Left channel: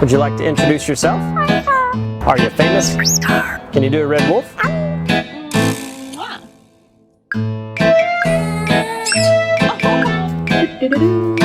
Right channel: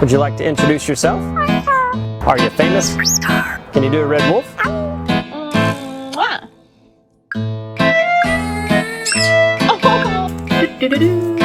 Would you like to introduce yourself? Are you famous? Can you do a red wolf? Do-do-do-do.